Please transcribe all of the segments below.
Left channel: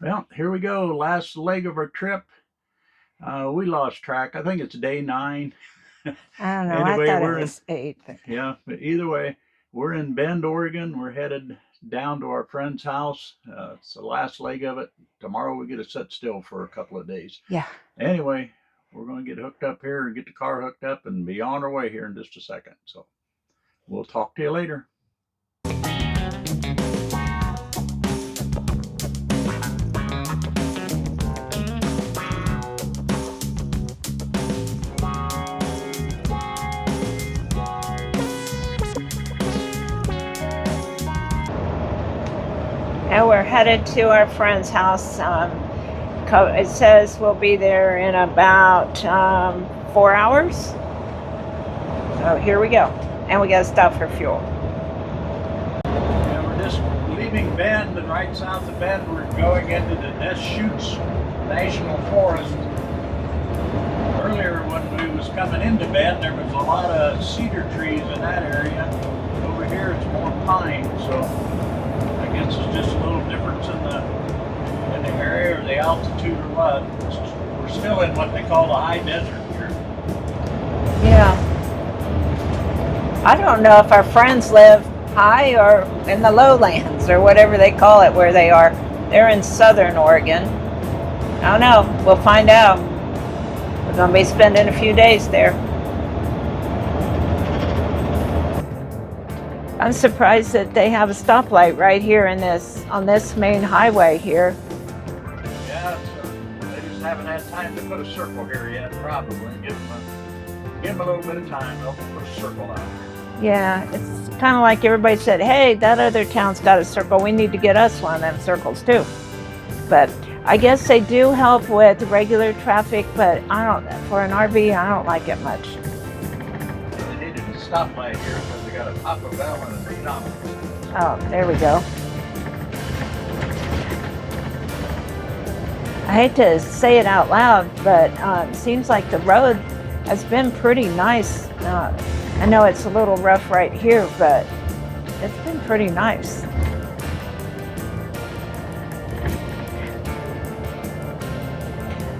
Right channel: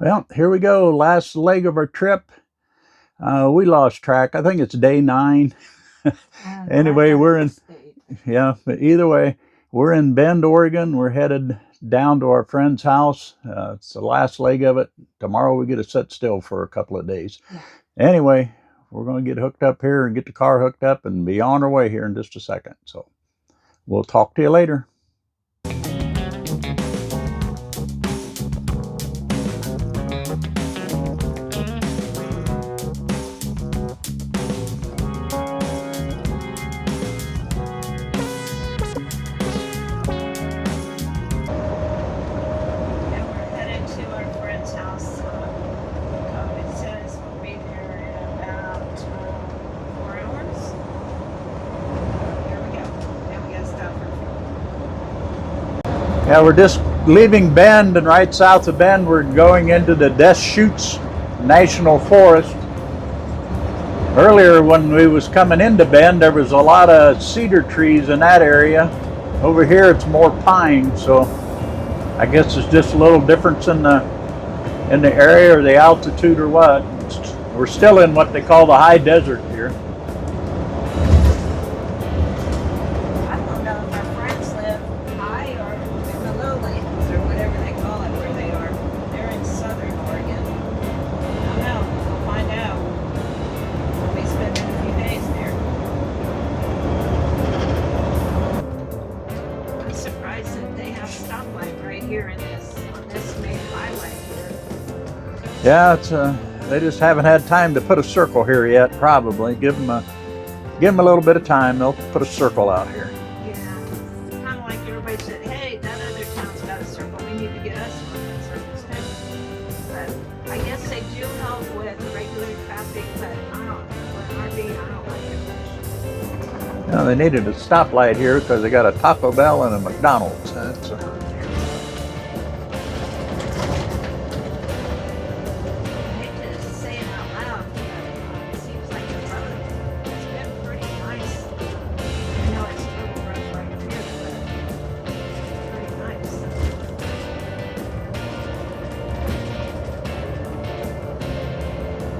Well, here we go. Last leg of our trip. We lost track. I think it's day 9. I don't know. Anyway, I thought we're it in, was 8. yeah, but either way, we're in Bend, Oregon. We're headed down to our friend's house. It's the last leg of it. Tomorrow we get to sit still for a couple of days. Yeah. Anyway, we're going to get hooked up here and get the car hooked up and be on our way here in just a second. So we'll talk to you later. Now we're headed to our friend's house. It says we'll be there in about 4 hours. So here we go. And we got to stop for fuel. Yeah, we're just leaving Bend, and right south of Bend, we're going into the Deschutes National Forest. Earlier, when we was coming into Bend, there was a lot of cedar trees in that area. Over here, it's more pine, so I guess it's just a little difference in the area or the altitude or what. We're still in what they call the high desert here. Yeah. I don't know if our friends live high or in the lowlands or whatever they call it where they are. They're in southern Oregon. I don't know. We'll find out. We're going to be spending a few days there. I'm surprised that they have a stoplight right here on this main highway here. Yeah, it's they just haven't had time to put a circle here yet. Probably give them a little bit of time. They'll put a circle out here. Yeah, it's kind of like everybody said, hey, that other town's got a circle. We need to get us one of them circles too. But I guess they do help with regular traffic, but for an RV, I don't like it much. Now, they needed a stoplight here because they got a Taco Bell and a McDonald's. Oh, there we go. I hate to say it out loud, but it seems like the road has been pretty nice. I know it's a little rough right here, but it's been pretty nice.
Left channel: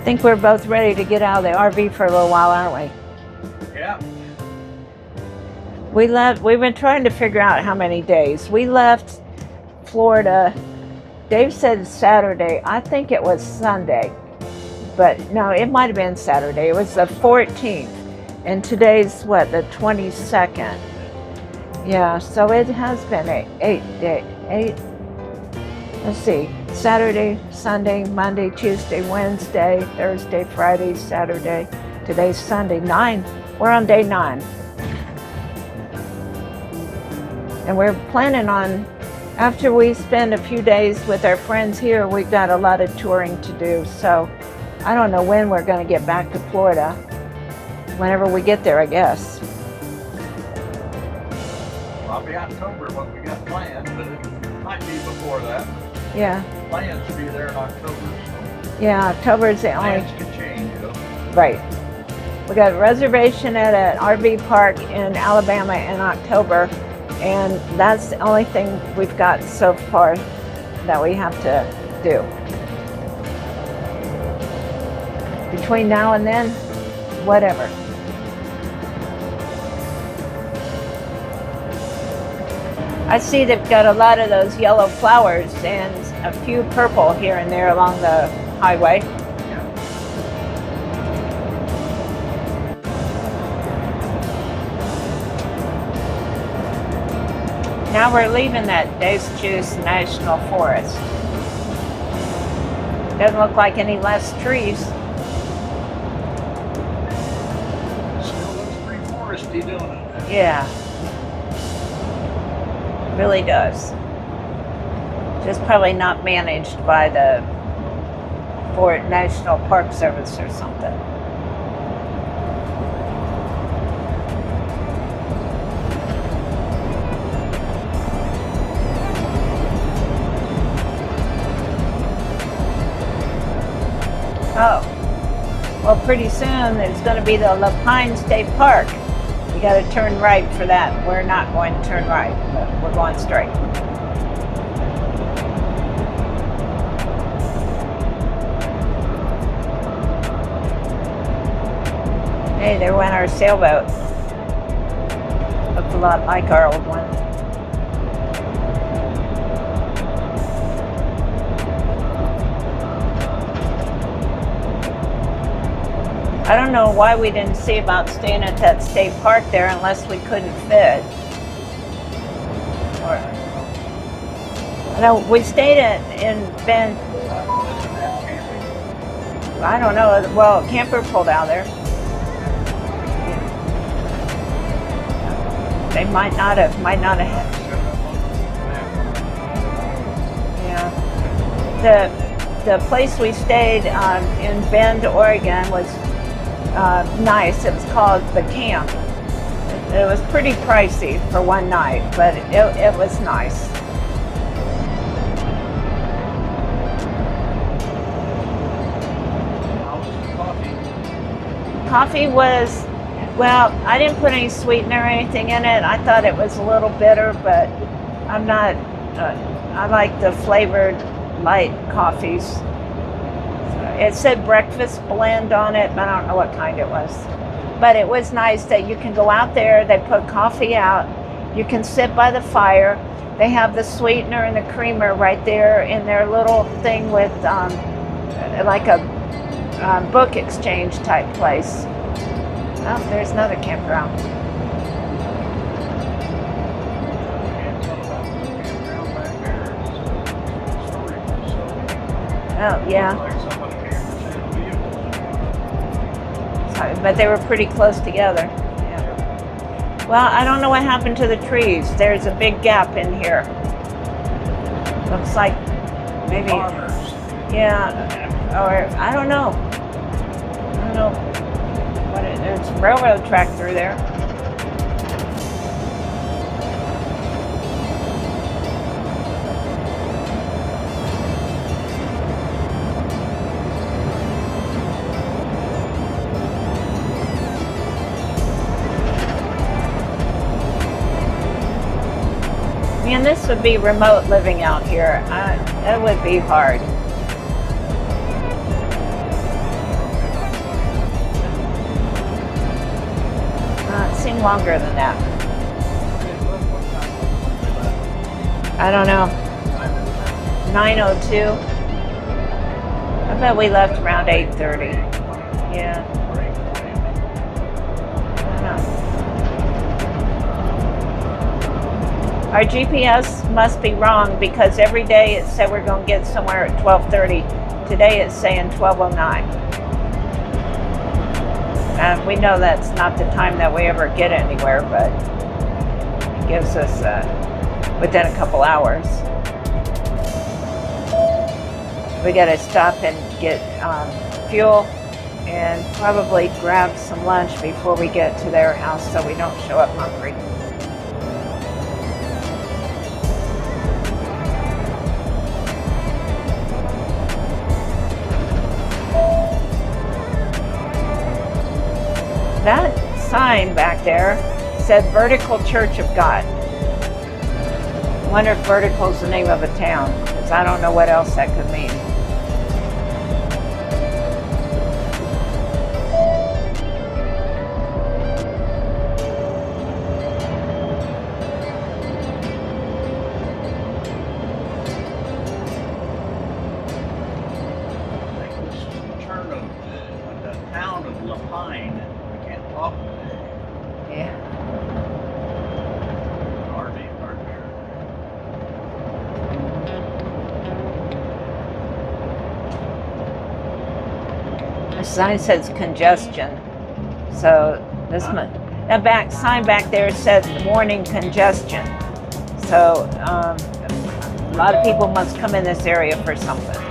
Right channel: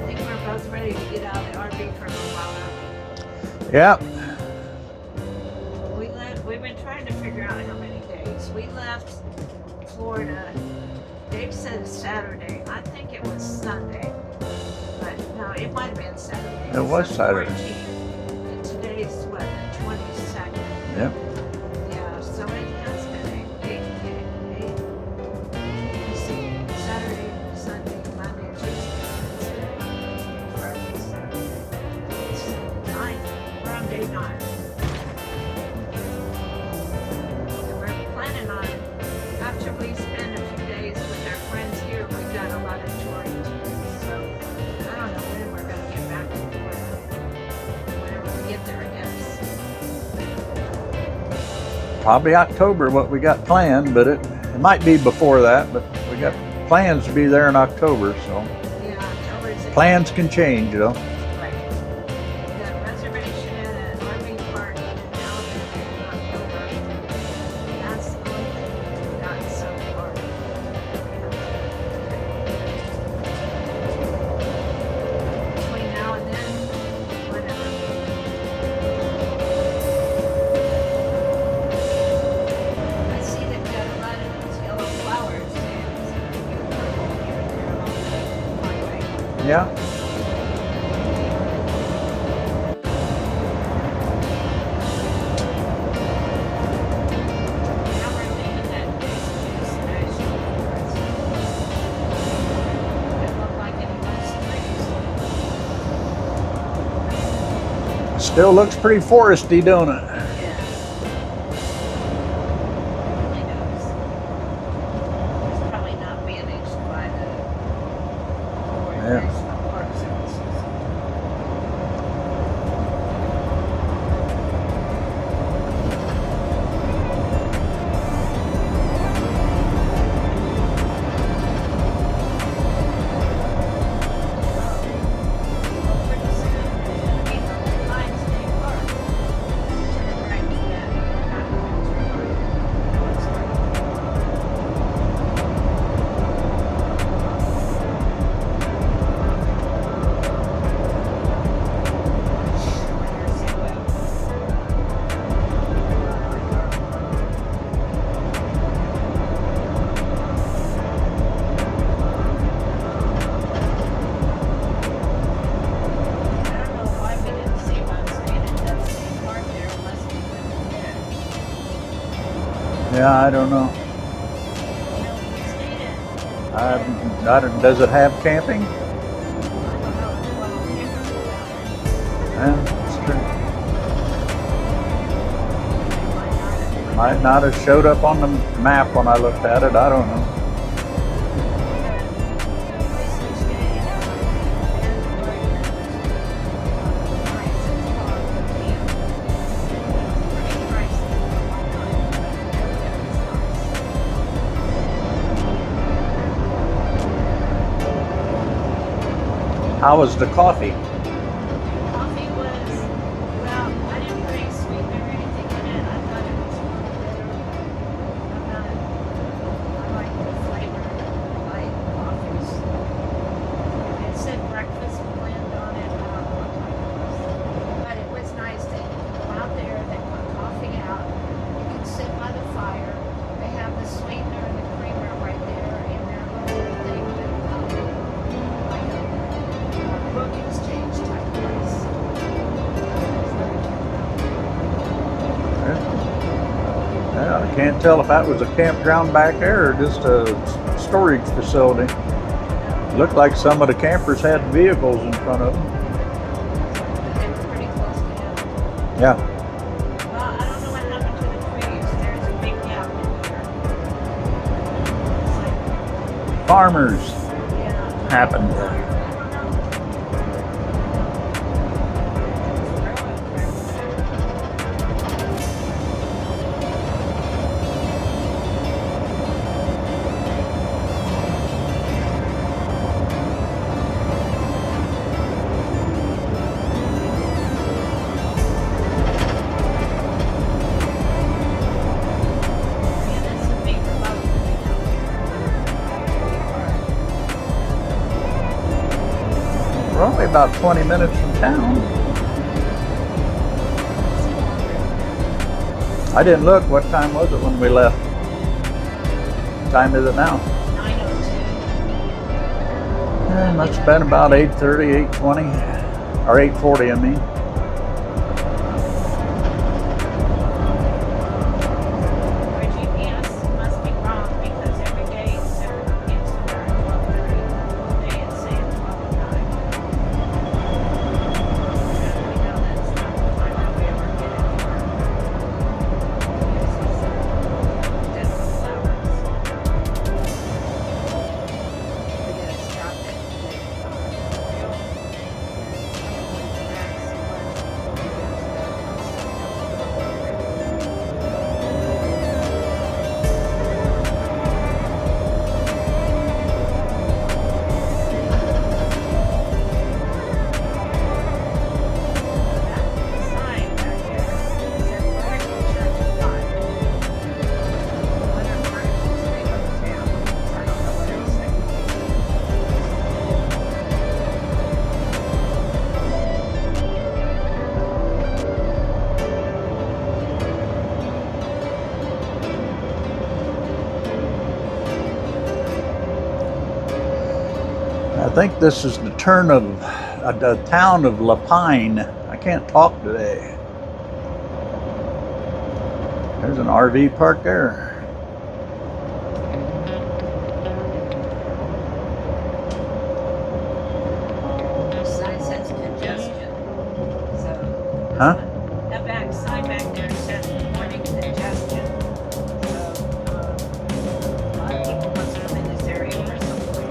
I think we're both ready to get out of the RV for a little while, aren't we? Yeah. We've been trying to figure out how many days. We left Florida, Dave said Saturday. I think it was Sunday. But no, it might have been Saturday. It was the 14th. And today's what, the 22nd? Yep. Yeah, so it has been eight. Let's see, Saturday, Sunday, Monday, Tuesday, Wednesday, Thursday, Friday, Saturday. Today's Sunday, 9. We're on day 9. And we're planning on, after we spend a few days with our friends here, we've got a lot of touring to do. So I don't know when we're going to get back to Florida. Whenever we get there, I guess. Probably October, what we got planned, but it might be before that. But we got plans to be there in October, so. Yeah, October's the plans can change, you know. Right. We got a reservation at an RV park in Alabama in October, and that's the only thing we've got so far that we have to do. Between now and then, whatever. I see they've got a lot of those yellow flowers and a few purple here and there along the highway. Yeah. Now we're leaving that Deschutes National Forest. Doesn't look like any less trees. Still looks pretty foresty, don't it? Yeah. It really does. Just probably not managed by the National Park Service or something. Oh, well, pretty soon it's going to be the Lapine State Park. You got to turn right for that. We're not going to turn right, but we're going straight. sailboat. Looked a lot like our old one. I don't know why we didn't see about staying at that state park there unless we couldn't fit. Yeah, I don't know. No, we stayed in Bend. Does it have camping? I don't know. Well, camper pulled out there. Yeah, They might not have. might not have showed up on the map when I looked at it. I don't know. Yeah. The place we stayed in Bend, Oregon was nice. It's called The Camp. It was pretty pricey for one night, but it was nice. How was the coffee? Coffee was, well, I didn't put any sweetener or anything in it. I thought it was a little bitter, but I'm not, I like the flavored light coffees. It said breakfast blend on it, but I don't know what kind it was. But it was nice that you can go out there, they put coffee out, you can sit by the fire. They have the sweetener and the creamer right there in their little thing with like a book exchange type place. Oh, there's another campground. Yeah, I can't tell if that was a campground back there or just a storage facility. Oh, yeah. Looked like some of the campers had vehicles in front of them. Sorry, but they were pretty close together. Yeah. Well, I don't know what happened to the trees. There's a big gap in here. Looks like maybe Farmers yeah. happened. Or I don't know. There's a railroad track through there. Man, this would be remote living out here. That would be hard. We're only about 20 minutes from town. It seemed longer than that. I didn't look. What time was it when we left? I don't know. What time is it now? 9:02. I thought we It's left been around about 8:30, 8:20. Yeah. Or 8:40, I mean. Our GPS must be wrong because every day it said we're going to get somewhere at 12:30. Today it's saying 12:09. And we know that's not the time that we ever get anywhere, but it gives us within a couple hours. We got to stop and get fuel and probably grab some lunch before we get to their house so we don't show up hungry. That sign back there said Vertical Church of God. I wonder if Vertical's the name of a town, because I don't know what else that could mean. I think this is the turn of the town of Lapine. I can't talk today. Yeah. There's an RV park there. The sign says congestion. So this one, that back sign back there says morning congestion. So a lot of people must come in this area for something.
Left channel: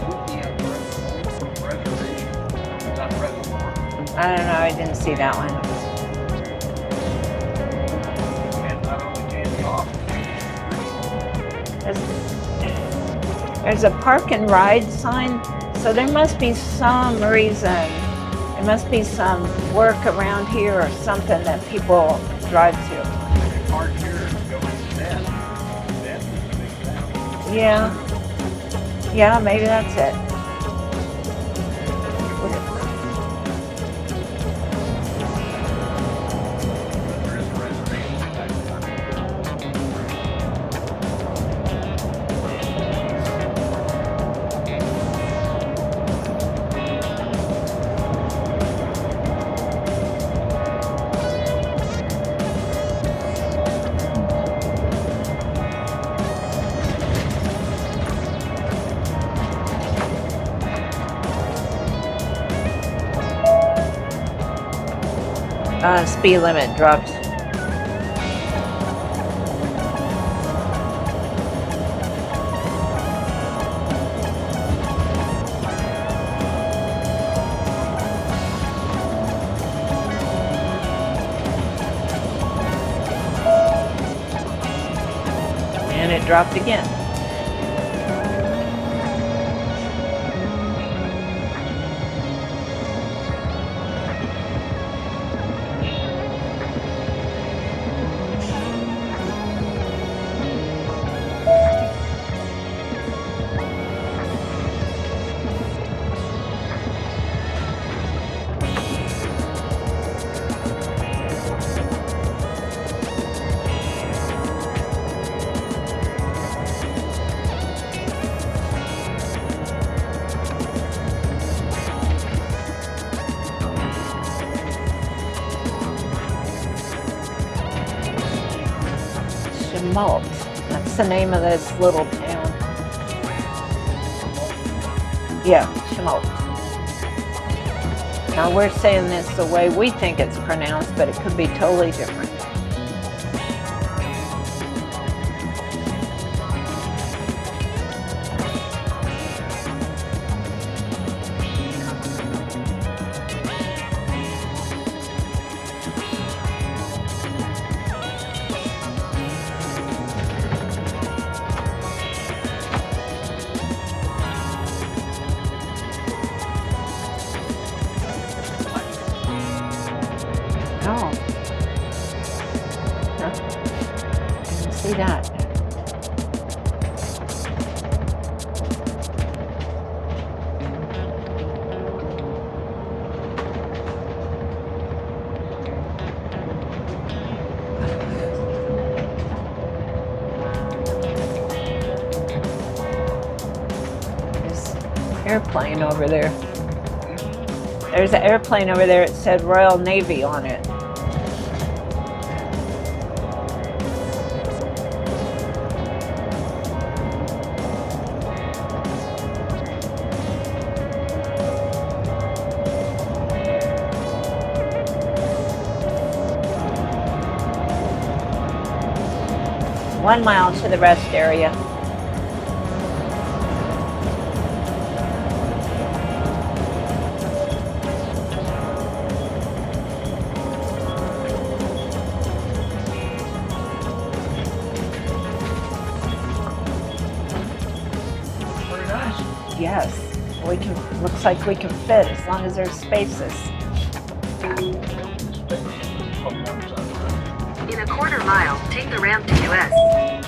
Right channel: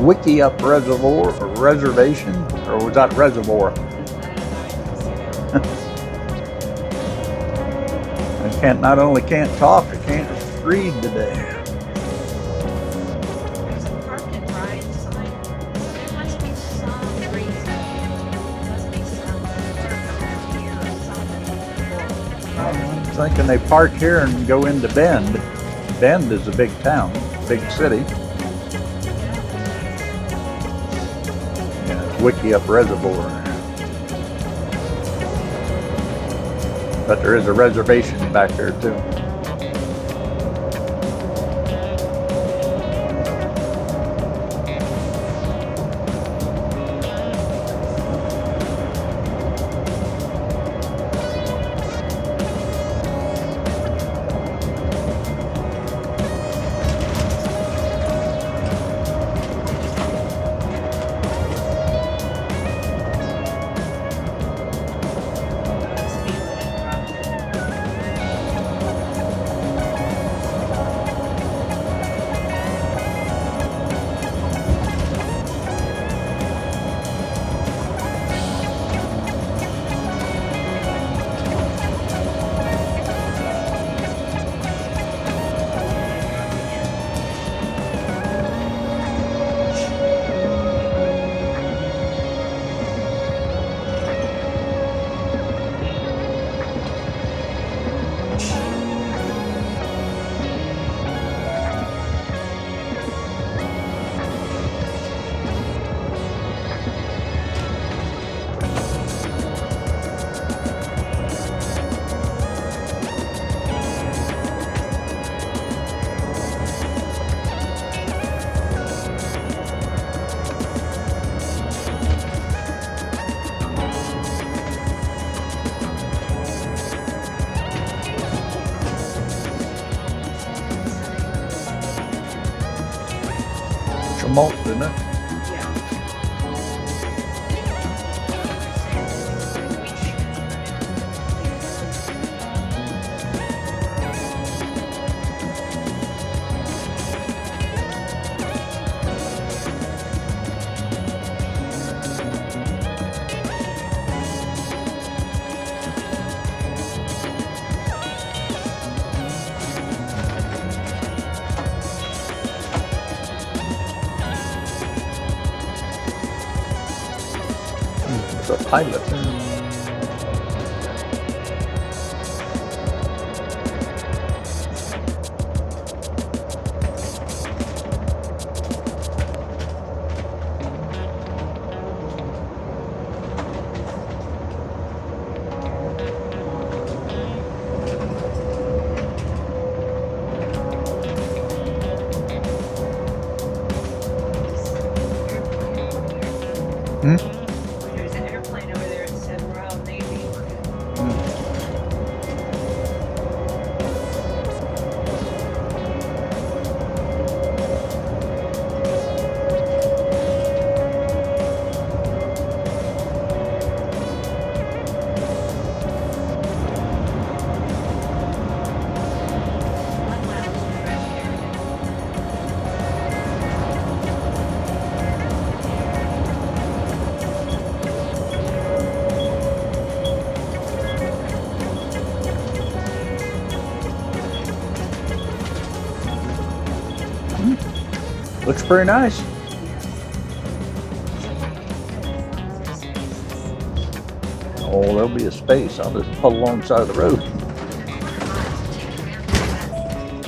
Wiki Up Reservoir or Reservation, or was that Reservoir? I don't know, I didn't see that one. I not only can't talk, I can't read today. There's a park and ride sign, so there must be some reason. There must be some work around here or something that people drive to. I'm thinking they park here and go into Bend. Bend is a big town, big Yeah. city. Yeah, maybe that's it. Wickiup Reservoir there. But there is a reservation back there too. Speed limit dropped. And it dropped again. What's the name of this little town? Remote, isn't it? Yeah, Schmaltz. Now we're saying this the way we think it's pronounced, but it could be totally different. The pilot. Oh. See that? There's an airplane over there. Hmm? There's an airplane over there. It said Royal Navy on it. One mile to the rest area. Looks pretty nice. Yes, looks like we can fit as long as there's spaces. Oh, there'll be a space. I'll just pull alongside the road. In a quarter mile, take the ramp to US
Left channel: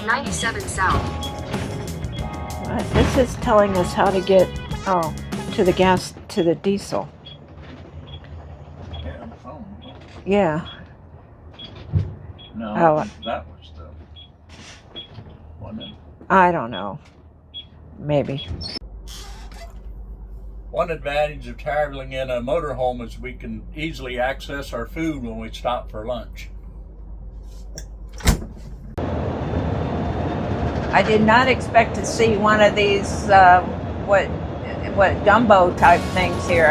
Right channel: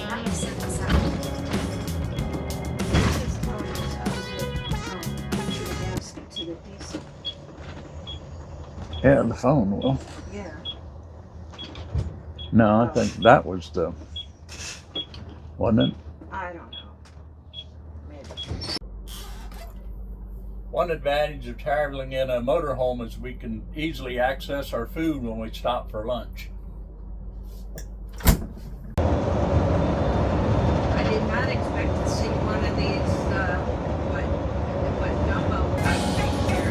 97 South. This is telling us how to get to the gas, to the diesel. Yeah, the phone will. Yeah. No, I Oh. think that was the, wasn't it? I don't know. Maybe. One advantage of traveling in a motorhome is we can easily access our food when we stop for lunch. I did not expect to see one of these what gumbo type things here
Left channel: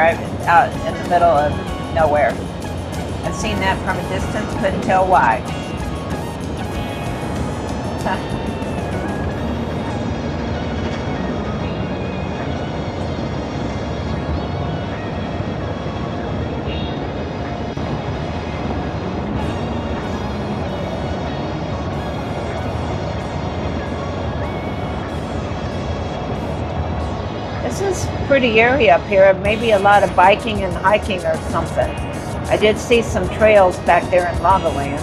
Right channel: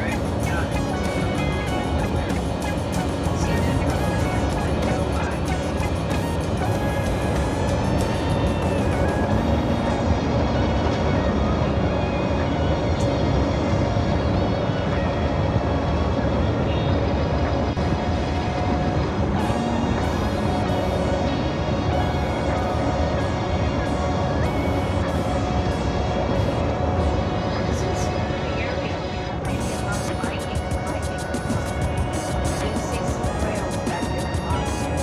out in the middle of nowhere. I've seen that from a distance, couldn't tell why. Pretty area up here, maybe a lot of biking and hiking or something. I did see some trails back there in Lavaland.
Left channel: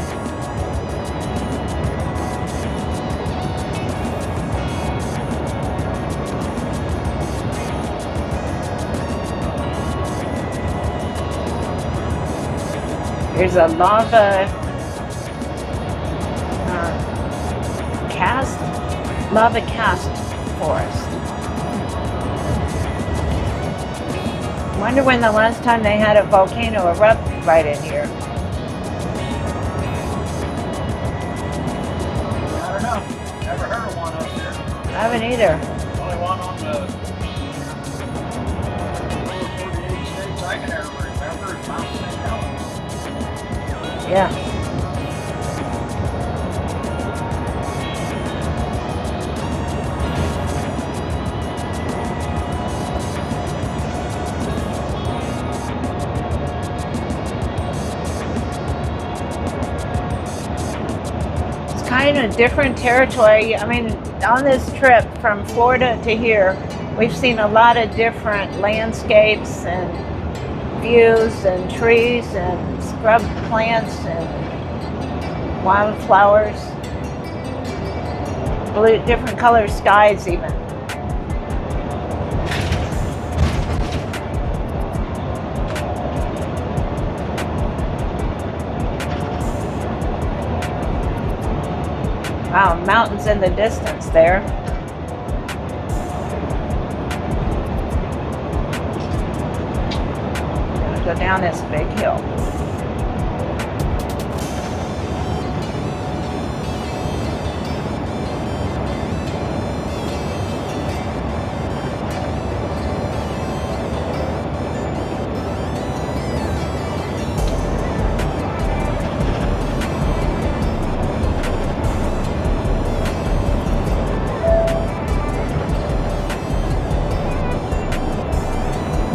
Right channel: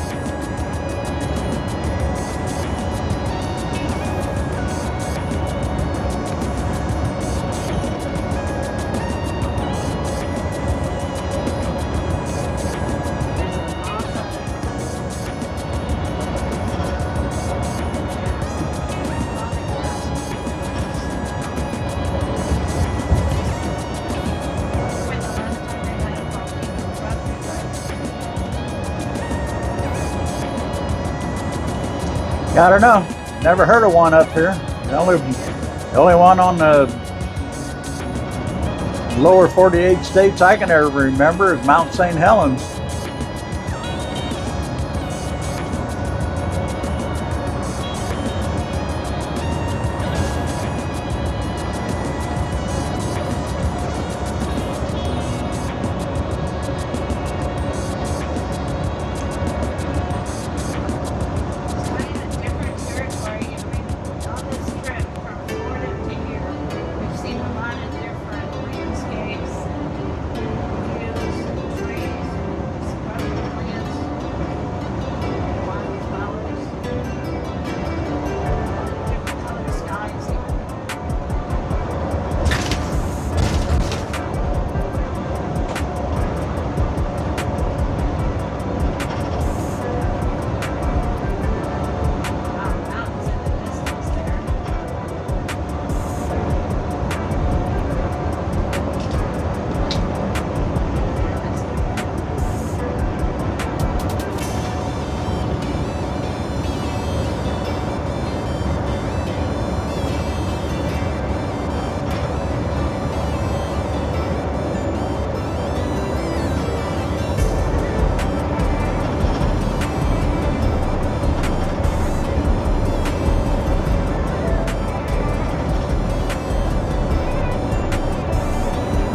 There's a lava cast forest. Wonder when the last time they had a volcano erupt right in here. I don't know. Never heard of one up here. I haven't either. The only one on the lower 48 states I can ever remember is Mount St. Helens. Yeah. Kind of different territory. I mean, on this trip from Florida to here, we've seen a lot of different landscapes and views and trees and scrub plants and wildflowers, blue, different colored skies even. Wow, mountains in the distance there. Go down this big hill.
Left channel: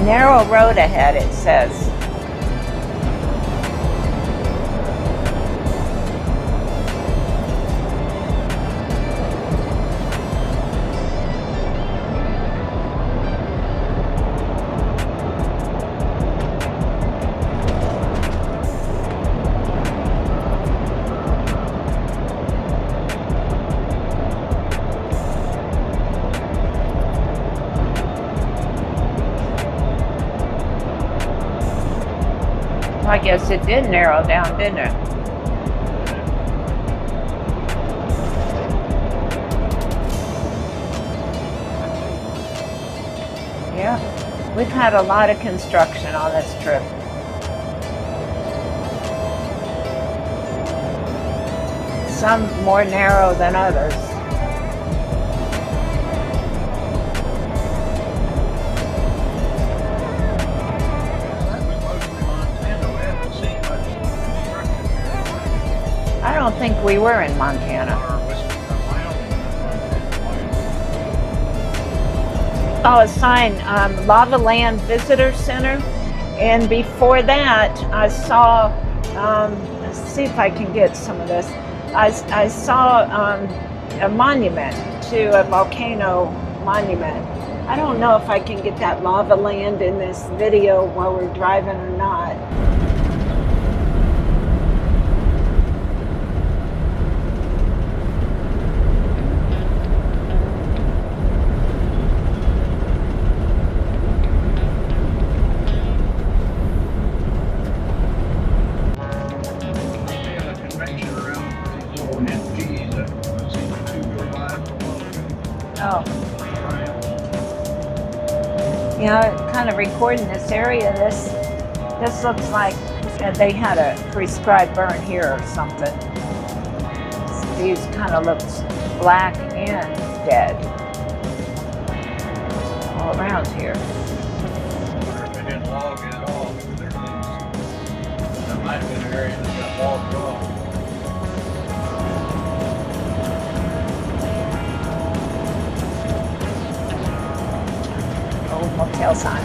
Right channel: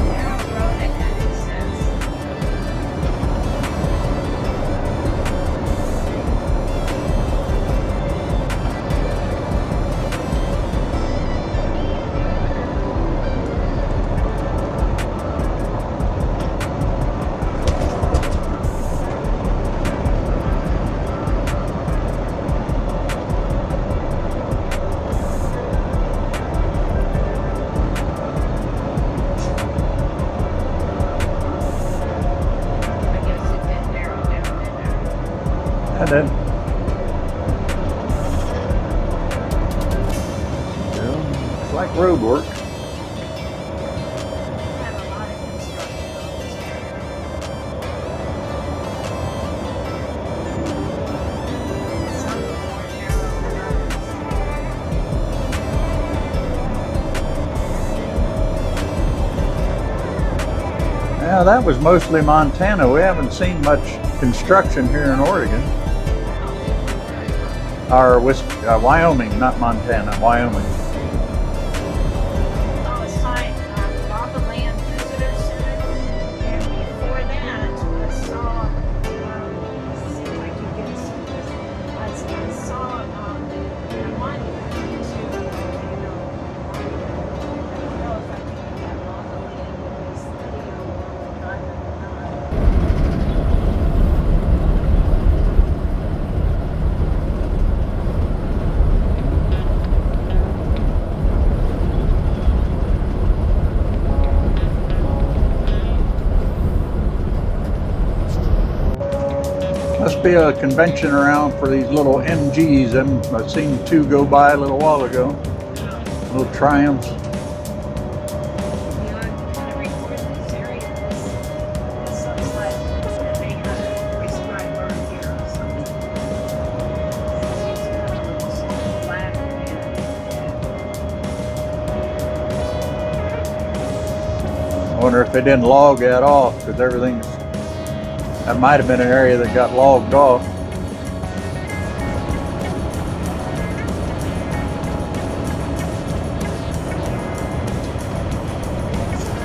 Narrow road ahead, it says. I guess it did narrow down, didn't it? And then, it's like road work. Yeah. We've had a lot of construction on this trip. Some more narrow than others. Yeah, that was mostly Montana. We haven't seen much construction here in Oregon. I don't think we were in Montana. Or Wyoming, not Montana, Wyoming. Oh, a sign, Lava Land Visitor Center. And before that, I saw, let's see if I can get some of this. I saw a monument to a volcano monument. I don't know if I can get that lava land in this video while we're driving or not. Must be a convention around for these little MGs, and I've seen two go by a little while ago. Oh. Little Triumphs. Yeah, kind of recording this area. This looks like they had a prescribed burn here or something. These kind of looks black and dead all around here. I wonder if they didn't log that off, because everything's, that might have been an area that got logged off. Motel sign.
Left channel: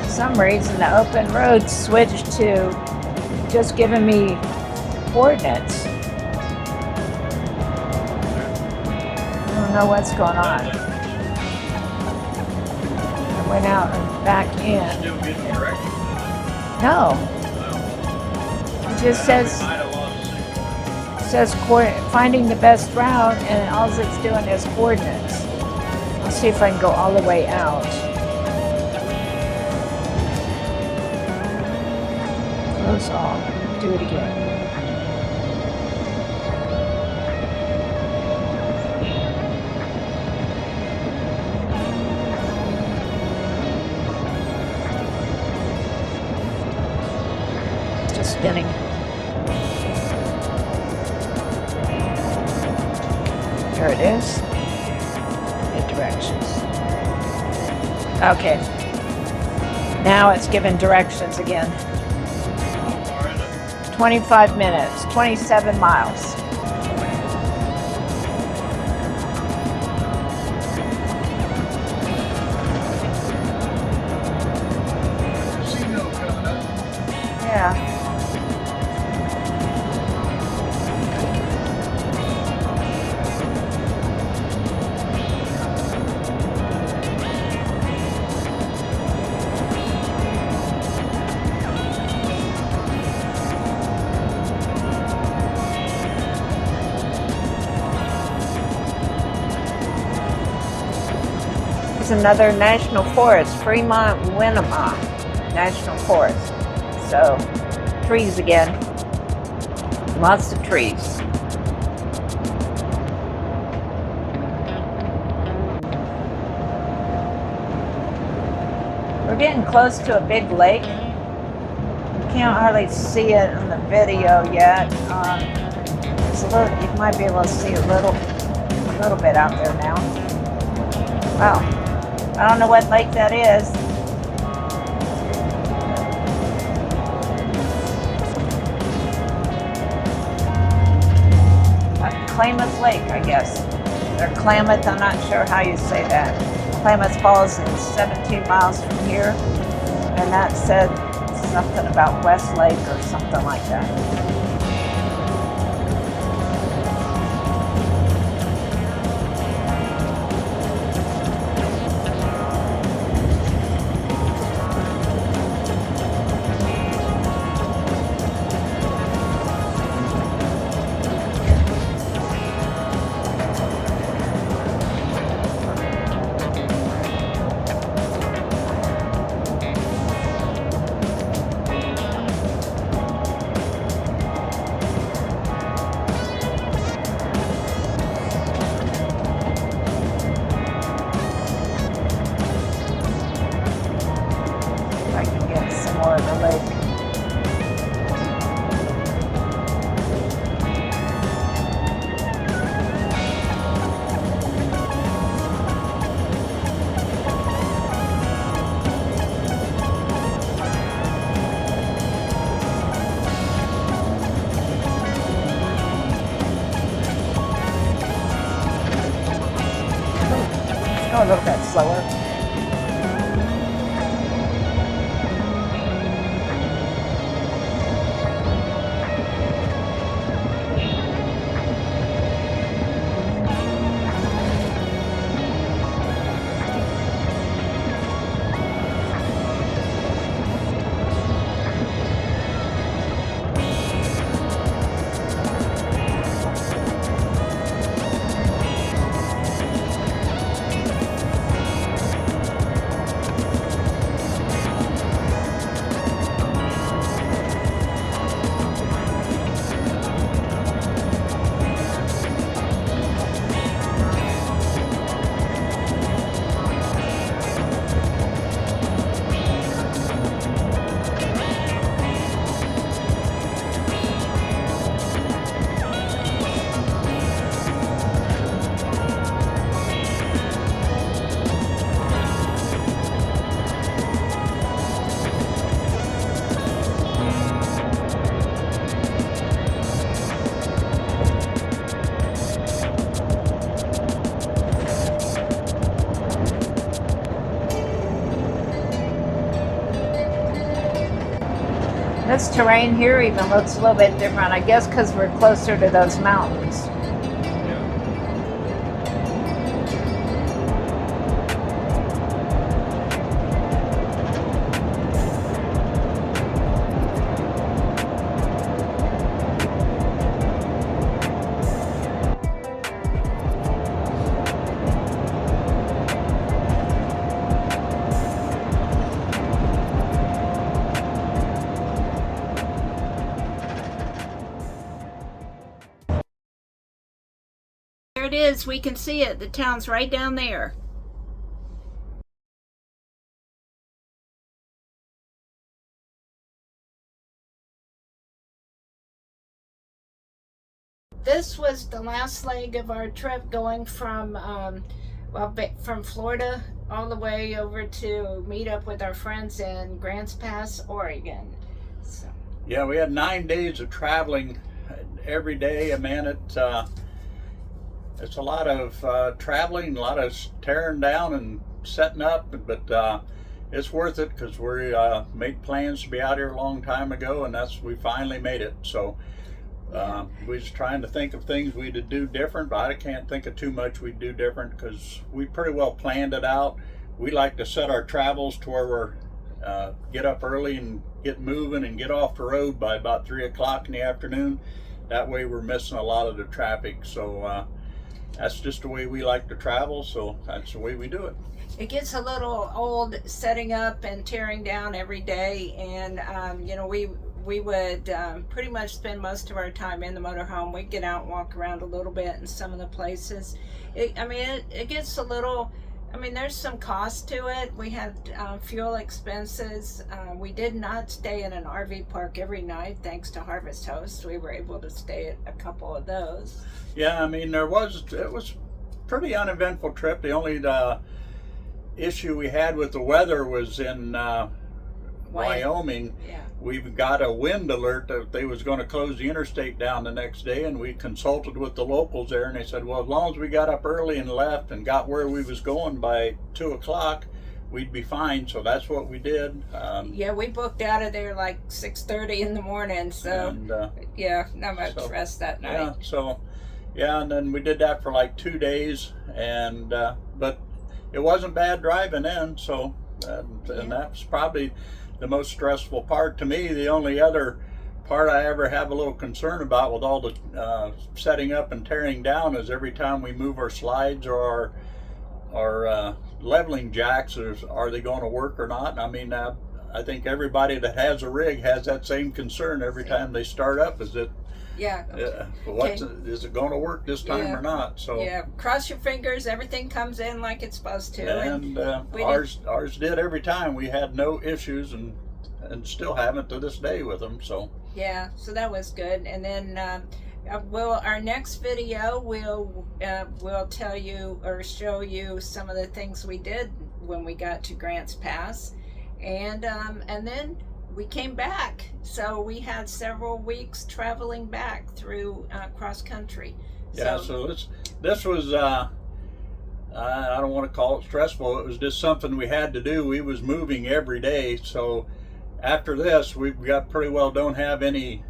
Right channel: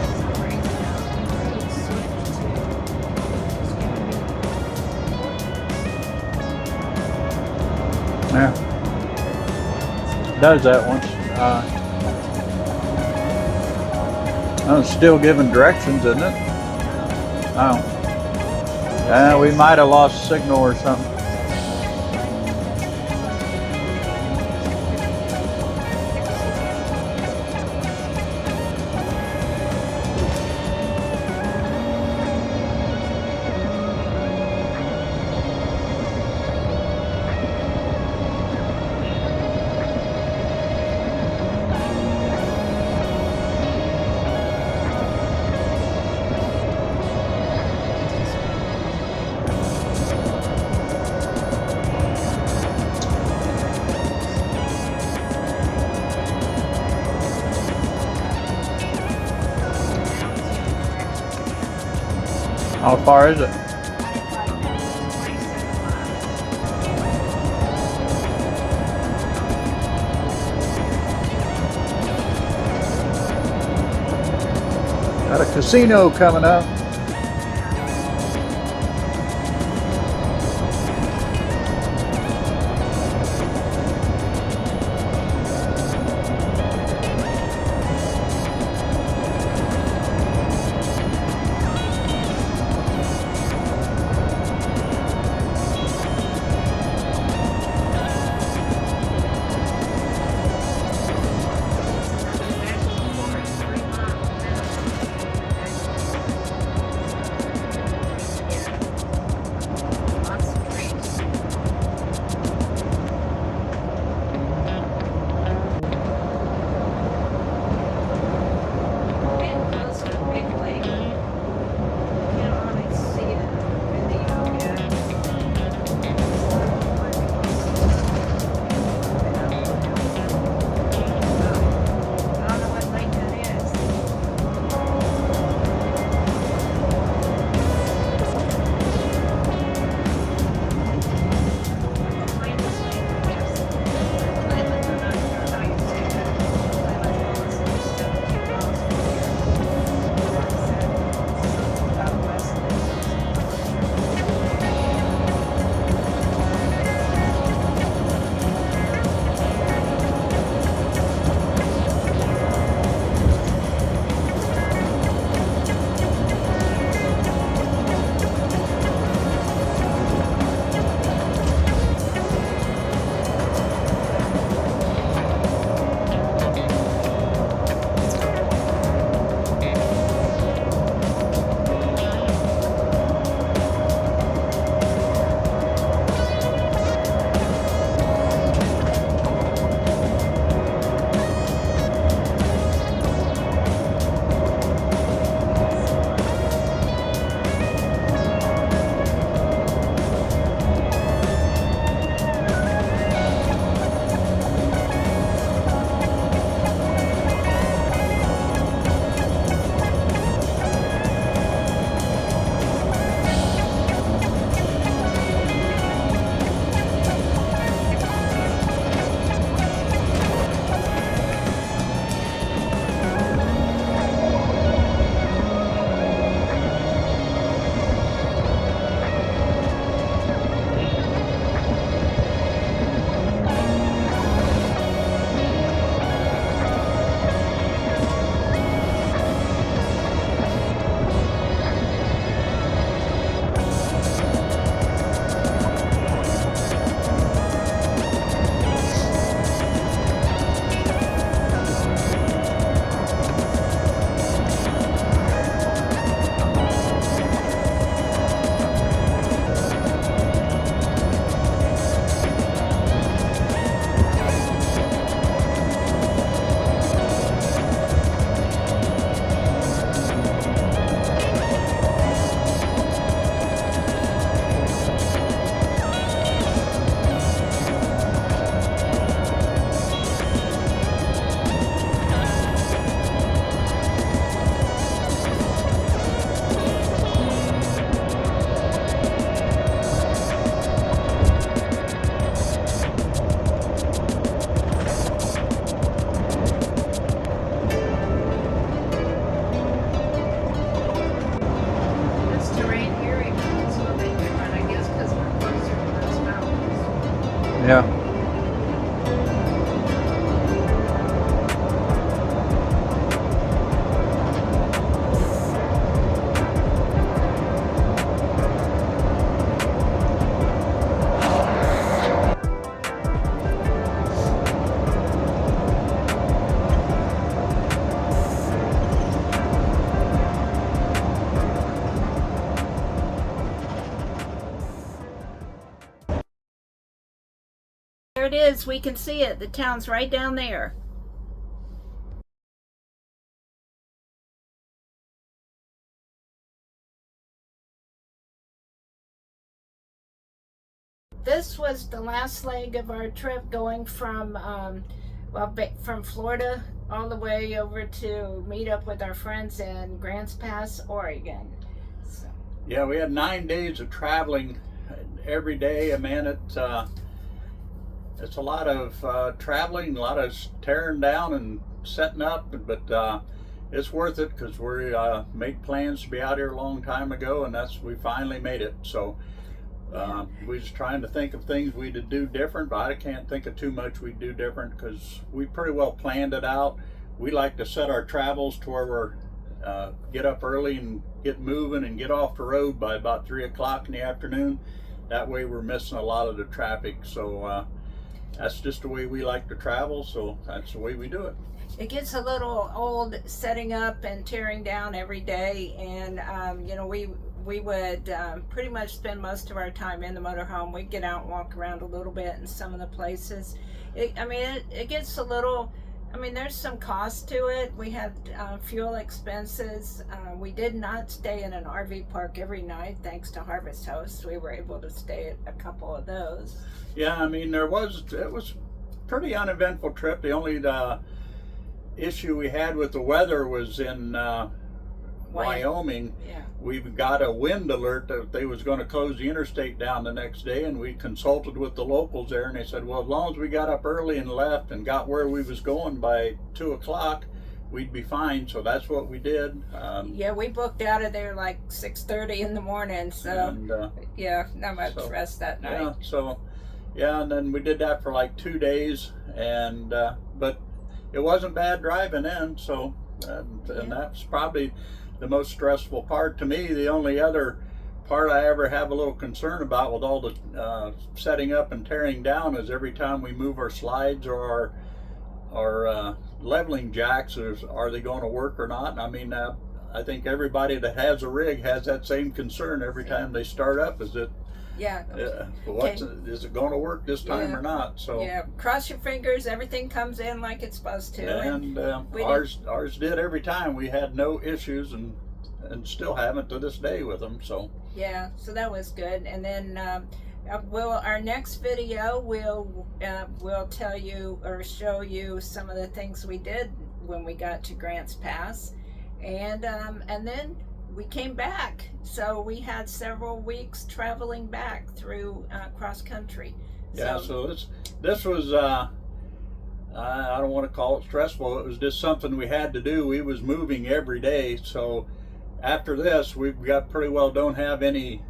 For some reason, the open road switched to just giving me coordinates. Yeah, I don't know what's going on. does that one. Went out and back Oh, in. it's still giving directions, isn't it? No, Oh, it just we says, might have lost signal or something. says finding the best route, and all it's doing is coordinates. Let's see if I can go all the way out. Close all. Do it again. Just spinning. There it is. Eight directions. Okay. Now it's giving directions again. How far is it? 25 minutes, 27 miles. Got a casino coming up. Yeah. It's another national forest, Fremont-Winema National Forest. So, trees again. Lots of trees. We're getting close to a big lake. Can't hardly see it in the video yet. It's a little, you might be able to see a little bit out there now. Wow. I don't know what lake that is. Klamath Lake, I guess. Or Klamath, I'm not sure how you say that. Klamath Falls is 17 miles from here. And that said something about West Lake or something like that. Oh, look, that's slower. terrain here even looks a little bit different. I guess because we're closer to those mountains. Yeah. There it is. We can see it. The town's right down there. This was the last leg of our trip, going from from Florida all the way over to meet up with our friends in Grants Pass, Oregon. So. Yeah, we had 9 days of traveling every day. I mean, it's a lot of traveling, a lot of tearing down and setting up, but it's worth it because we made plans to be out here a long time ago, and we finally made it. So we was trying to think of things we'd do different, but I can't think of too much we'd do different because we pretty well planned it out. We like to set our travels to where we're get up early and get moving and get off the road by about 3 o'clock in the afternoon. That way we're missing a lot of the traffic. So that's just the way we like to travel, so that's the way we do it. It gets a little old setting up and tearing down every day, and you know, we would pretty much spend most of our time in the motorhome. We'd get out and walk around a little bit in some of the places. It gets a little, I mean, there's some cost to it. We had fuel expenses. We did not stay in an RV park every night, thanks to Harvest Host. We were able to stay at a couple of those. Yeah, I mean, it was pretty uneventful trip. The only issue we had with the weather was in Wyoming. Yeah. We've got a wind alert that they was going to close the interstate down the next day, and we consulted with the locals there, and they said, well, as long as we got up early and left and got where we was going by 2 o'clock, we'd be fine. So that's what we did. Yeah, we booked out of there like 6:30 in the morning, so and, yeah, not much rest that night. Yeah, so yeah, and then we did that for like 2 days, and but it wasn't bad driving in. So and that's probably the most stressful part to me. The only other part I ever have a little concern about with all the setting up and tearing down is every time we move our slides or our leveling jacks, are they going to work or not? I mean, I think everybody that has a rig has that same concern every time they start up. Is it? Yeah. Is it going to work this time or not? So yeah, cross your fingers. Everything comes in like it's supposed to. And ours did every time. We had no issues, and still haven't to this day with them. So yeah, so that was good. And then our next video will tell you or show you some of the things we did when we got to Grants Pass, and then we came back. So we had several weeks traveling back through cross country. Yeah, so this was I don't want to call it stressful. It was just something we had to do. We was moving every day. So after this, we got pretty well don't have any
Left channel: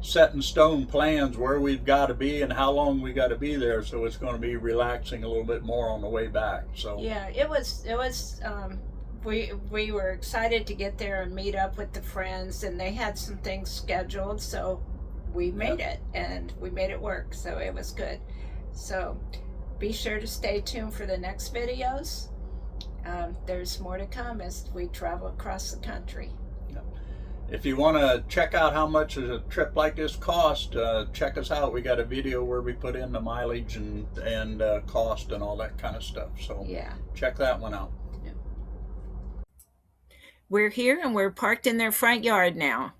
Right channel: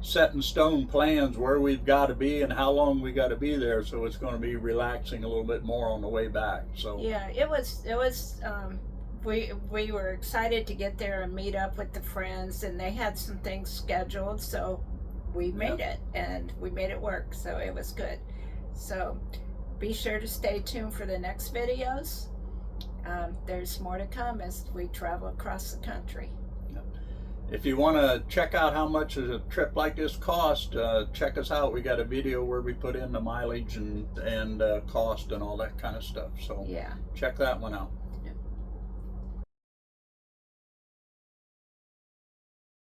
set in stone plans where we've got to be and how long we got to be there. So it's going to be relaxing a little bit more on the way back. So yeah, it was we were excited to get there and meet up with the friends, and they had some things scheduled, so we made it, and we made it work, so it was good. So be sure to stay tuned for the next videos. There's more to come as we travel across the country. If you want to check out how much a trip like this cost, check us out. We got a video where we put in the mileage and cost and all that kind of stuff. So yeah, check that one out. We're here and we're parked in their front yard now.